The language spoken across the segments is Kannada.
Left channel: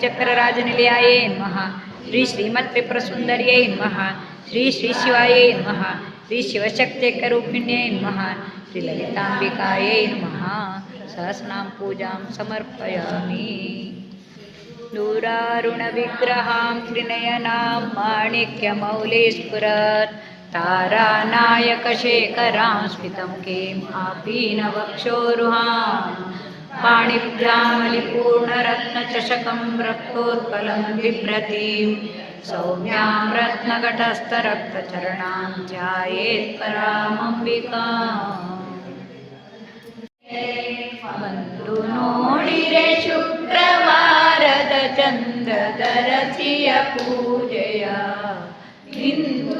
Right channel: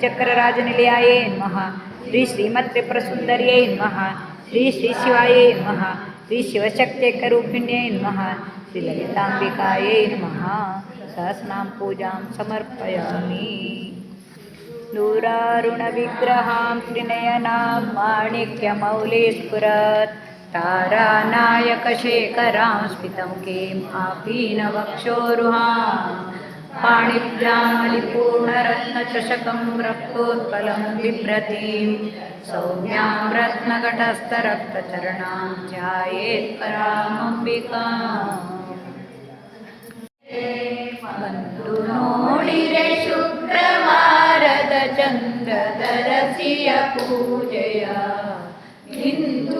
श्रीचक्रराजनिलयाय नमः। श्री श्रीमत्त्रिपुरसुन्दर्यै नमः। श्री श्रीशिवायै नमः। श्रीशिवशक्त्यैकरूपिण्यै नमः। श्रीललिताम्बिकायै नमः। सहस्नां पूजां समर्पयामि। दूरारुणविग्रहां त्रिनयनां माणिक्यमौलेस्फुरत् तारानायकशेखरां स्मितं किम् आपि पाणिभ्यामलिपूर्णरत्नचषकं रक्तोत्पलं बिभ्रतीं सौम्यां रत्नघटस्थरक्तचरणां ध्यायेत् परामम्बिकाम् ಬಂದು ನೋಡಿರೆ ಶುಕ್ರವಾರದ ಚಂದ್ರದರಸಿಯ ಪೂಜೆಯ ಇಂದು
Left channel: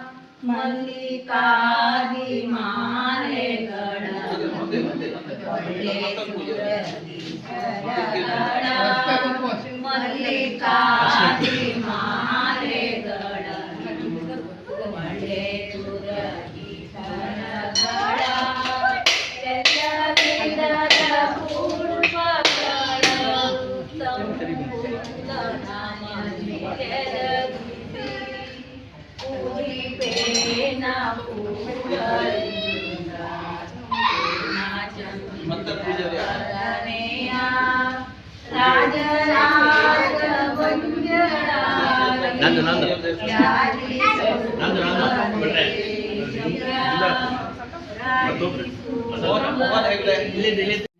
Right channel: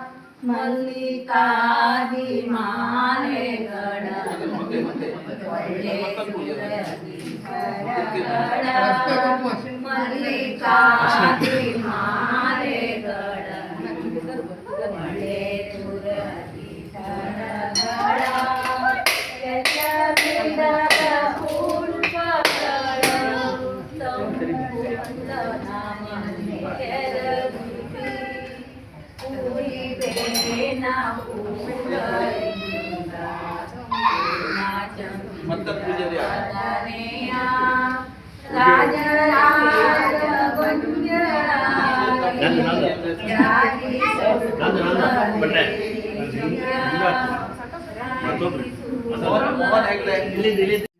मल्लिकादि माले गण ನಂದು, ನಂದು. ನಂದು, ನಂದು. ಬಟ್ಟೆ. ಮತ್ತೊಬ್ರು. ಇಲ್ಲಿ ಮೋಹನ್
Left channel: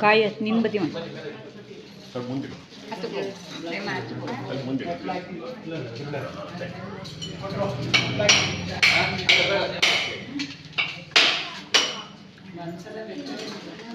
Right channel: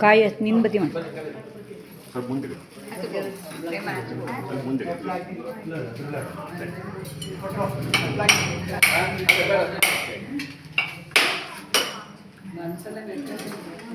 ಕಾಯ ನಿನ್ ಬದಿ ಸ್ವಲ್ಪ ಮುಂದೆ 在那边在那边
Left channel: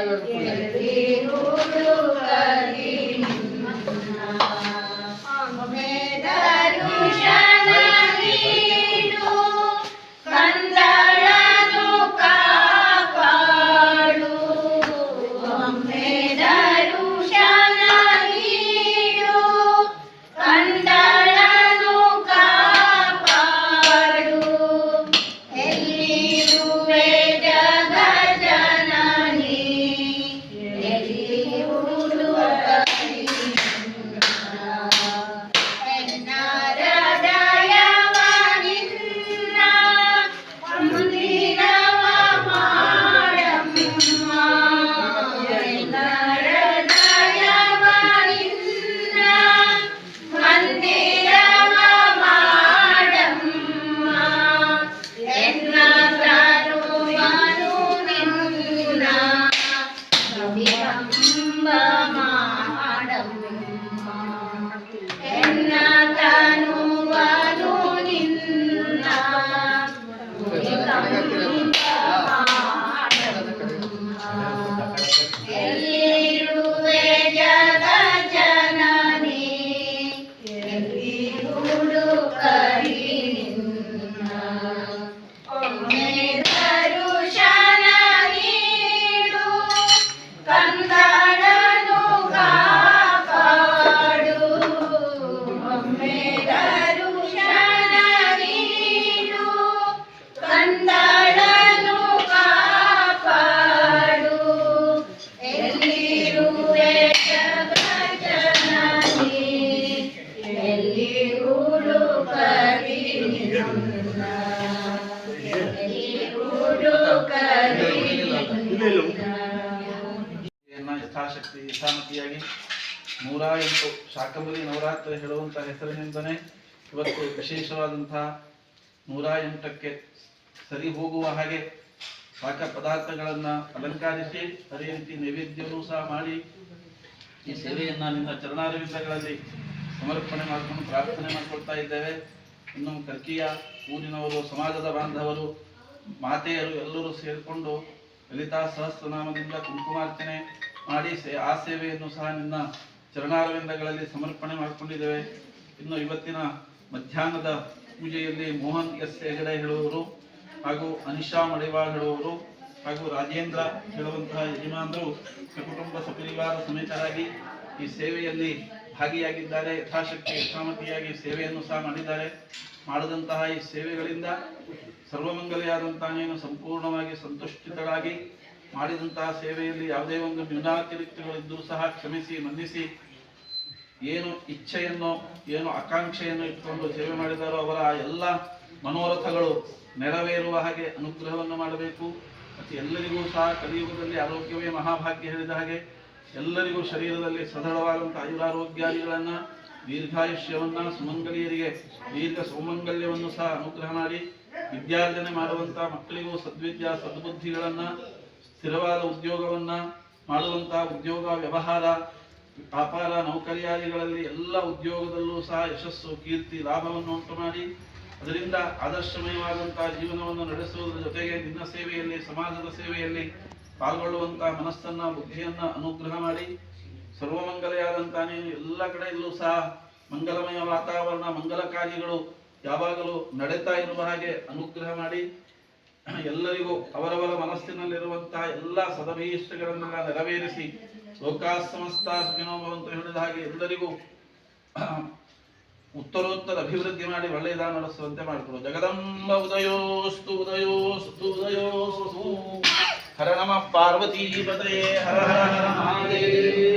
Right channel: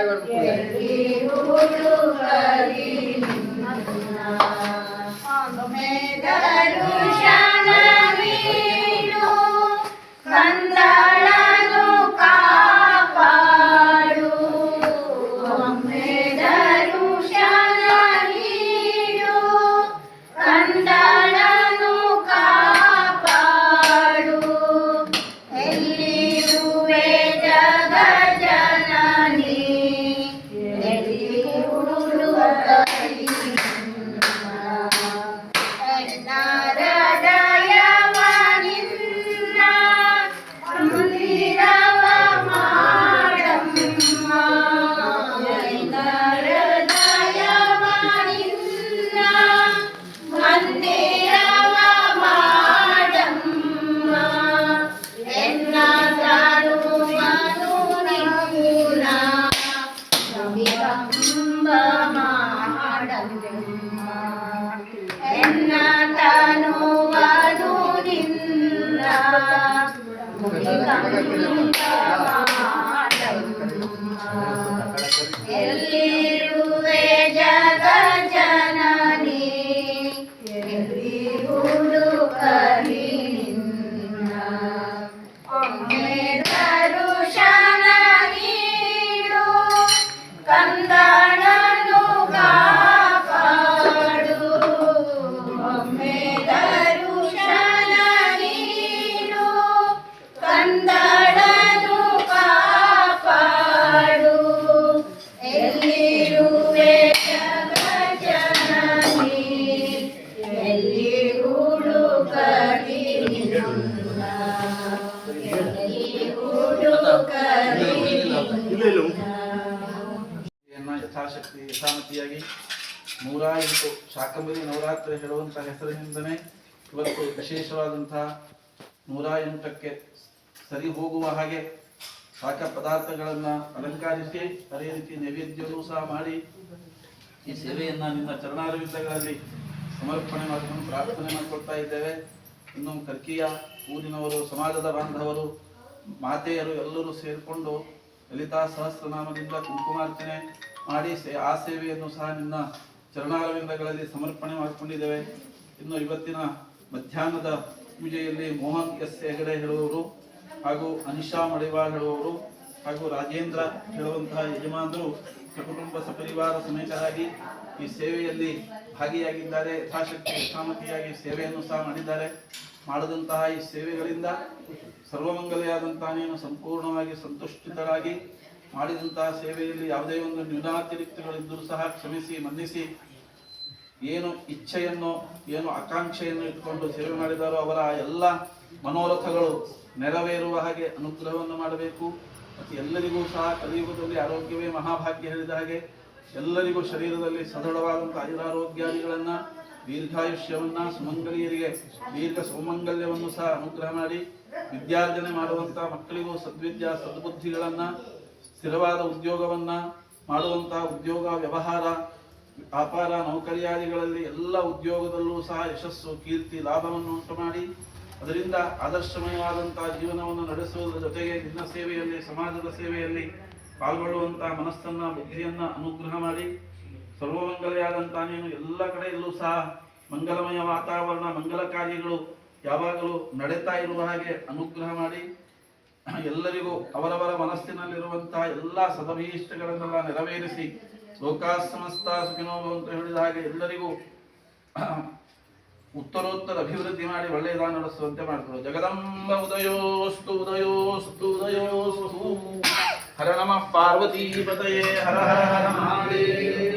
এবার Obrigado. ನೂರ ಎಂಟು ಶಾಕಂಬರಿ ನವರಾತ್ರಿ ಹೇಳುವಂಥ ಹೆಸರಿನಿಂದನೇ ಇವತ್ತು ವಿಶೇಷವಾದಂತಹ ನೂರ ಎಂಟಕ್ಕೆ ಸರಿ ಹೋಗುವ ಹಾಗೆ ಶಾಖ ಪದಾರ್ಥಗಳನ್ನು ಅಲಂಕರಿಸಿ ಅದೇ ರೀತಿ ಸಹ ಮಾಡಿ ಈ ಸೇವೆಯನ್ನು ನಿನ್ನ ಚರಣಾರವಿಂದಗಳಲ್ಲಿ ಸಮರ್ಪಣೆ ಮಾಡಿಕೊಂಡು ಪ್ರಾರ್ಥನೆ ಮಾಡಿಕೊಳ್ತಾ ಇದ್ದೇವೆ. ಇನ್ನು ಕರ್ಕಿಯ ಊರಿನವರು, ಸಮಾಜದ ಬಾಂಧವರು, ಮಾತೆಯರು ಎಲ್ಲರೂ ಸೇರಿಕೊಂಡು ಲಲಿತಾ ಸಹಸ್ರನಾಮದಿಂದ ಕುಂಕುಮಾರ್ಚನೆ ಮಾಡಿ ಆ ಸೇವೆಯನ್ನು ಸಹ ನಿನ್ನ ಚರಣಾರವಿಂದಗಳಲ್ಲಿ ಸಮರ್ಪಣೆ ಮಾಡಿಕೊಂಡಿದ್ದೇವೆ. ಇನ್ನು ಇವತ್ತಿನ ಮಧ್ಯಾಹ್ನದ ಪೂಜೆಯಲ್ಲಿ ಮೋಹನ್ ಎಸ್ ಹೆಗಡೆ ಹೇಳುವವರು ಹಾಗೂ ಅನಿಶಾ ಮಡಿವಾಳ್ ಹೇಳುವವರು ಹಾಗೂ ರಾಜೇಂದ್ರ ಹೇಳುವಂತಹ ಯಜಮಾನರು ಕುಟುಂಬ ಸಪರಿವಾರ ಸಮೇತರಾಗಿ ಈ ಸೇವೆಯಲ್ಲಿ ಭಾಗಿಯಾಗಿದ್ದಾರೆ. ಯಥಾಶಕ್ತಿ, ಯಥಾಮತಿಯಾಗಿ ಸೇವೆಯನ್ನು ಸಹ ಮಾಡಿದ್ದಾರೆ. ಮಾಡಿದಂತಹ ಈ ಸೇವೆಗಳಿಂದ ಸರ್ವಮಂಗಲೆಯಾದಂತಹ ನೀನು ಸಂಪೂರ್ಣವಾಗಿ ಸಂತುಷ್ಟಿತರಾಗಿ ಮಾಡಿದಂತಹ ಸೇವೆಯಲ್ಲಿ ಯಾವುದೇ ಒಂದು ನ್ಯೂನಾತಿರಿಕ್ತಗಳಿದ್ದರೂ ಸಹ ಕ್ಷಮಿಸಿ, ಮನ್ನಿಸಿ. ಏನು ಇಚ್ಛೆಯನ್ನು, ಏನು ಆಕಾಂಕ್ಷೆಯನ್ನು ಇಟ್ಕೊಂಡು ಸೇವೆ ಮಾಡಿದಾರೋ ಅವರ ಎಲ್ಲ ಮನೋರಥಗಳು ನೆರವೇರುವ ಹಾಗೆ ಅನುಗ್ರಹವನ್ನು ಮಾಡಬೇಕು. ಮತ್ತು ಎಲ್ಲರಿಗೂ ಸಹ ಕಲಿಯುಗದಲ್ಲಿ ಆರೋಗ್ಯವೇ ಮಹಾಭಾಗ್ಯ ಹೇಳಿದ ಹಾಗೆ ಎಲ್ಲರಿಗೂ ಶರೀರದಲ್ಲಿ ಸದೃಢವಾದಂಥ ಆಯುರಾರೋಗ್ಯಾದಿಗಳನ್ನು, ದೀರ್ಘಾಯುಷ್ಯವನ್ನು, ಸುಮಂಗಲಿಯರಿಗೆ ದೀರ್ಘ ಸೌಮಂಗಲ್ಯವನ್ನು ಸಹ ಅನುಗ್ರಹ ಮಾಡಿ, ವಿದ್ಯಾರ್ಜನೆ ಮಾಡುವಂಥ ಮಕ್ಕಳಿಗೂ ಸದ್ವಿದ್ಯಾ, ಸದ್ಬುದ್ಧಿಗಳನ್ನು ಸ್ಥಿರವಾದ ಉದ್ಯೋಗವನ್ನ ಮಾಡುವಂತಹ ಉದ್ಯೋಗ, ವ್ಯವಹಾರ, ವ್ಯಾಪಾರ, ನೌಕರಿಯಾದಿಗಳಲ್ಲಿ ಎಲ್ಲ ಉದ್ಯೋಗದಲ್ಲೂ ಸಹ ಯಶಸ್ಸು, ಕೀರ್ತಿ, ಲಾಭವನ್ನು ಉಂಟು ಮಾಡಿ. ಅದರಿಂದ ಆದರ್ಶಮಯವಾದಂತಹ ಜೀವನವನ್ನು ನಡೆಸುವುದರ ಜೊತೆಗೆ ನಿನ್ನ ಸೇವೆಯಲ್ಲಿ, ಸಮಾಜದ ಸೇವೆಯಲ್ಲಿ ಪಾಲ್ಗೊಳ್ಳುವಂತಹ ಮನಸ್ಸನ್ನ, ಬುದ್ಧಿಯನ್ನ ಅನುಗ್ರಹ ಮಾಡಿ. ಸರ್ವಮಂಗಲೆಯಾದಂಥ ನೀನು ಎಲ್ಲ ಕಡೆಯಲ್ಲೂ ಸಹ ಮಂಗಲಮಯ ವಾತಾವರಣ ಮಂಗಲ ಕಾರ್ಯಗಳು ಯಾವಾಗಲೂ ನಡೀತಾ ಇರುವ ಹಾಗೆ ಅನುಗ್ರಹ ಮಾಡಿ. ಎಲ್ಲರಿಗೂ ಅವರವರ ಮನಸ್ಸಿನಲ್ಲಿರುವಂತಹ ಎಲ್ಲ ಸದಭೀಷ್ಟಗಳನ್ನೆಲ್ಲ ನೆರವೇರಿಸಿ ಲೋಕಾ ಸಮಸ್ತ ಅಂತ ಹೇಳಿದ ಹಾಗೆ ಎಲ್ಲರಿಗೂ ಉತ್ತರೋತ್ತರ ಅಭಿವೃದ್ಧಿ ಮಾಡಿ ಒಳ್ಳೆಯದ ನಡೆಸುವಂತೆ ಮಾಡ್ತಾರೆ ಜಗದಂಬ ಉದಯೋಸ್ತು ಉದಯೋಸ್ತು ಉದಯೋಸ್ತು. ಹರ ನಮ ಪಾರ್ವತಿ ಪತಯೇ, ಹರ ಹರ ಹರ ಮಹಾದೇವ.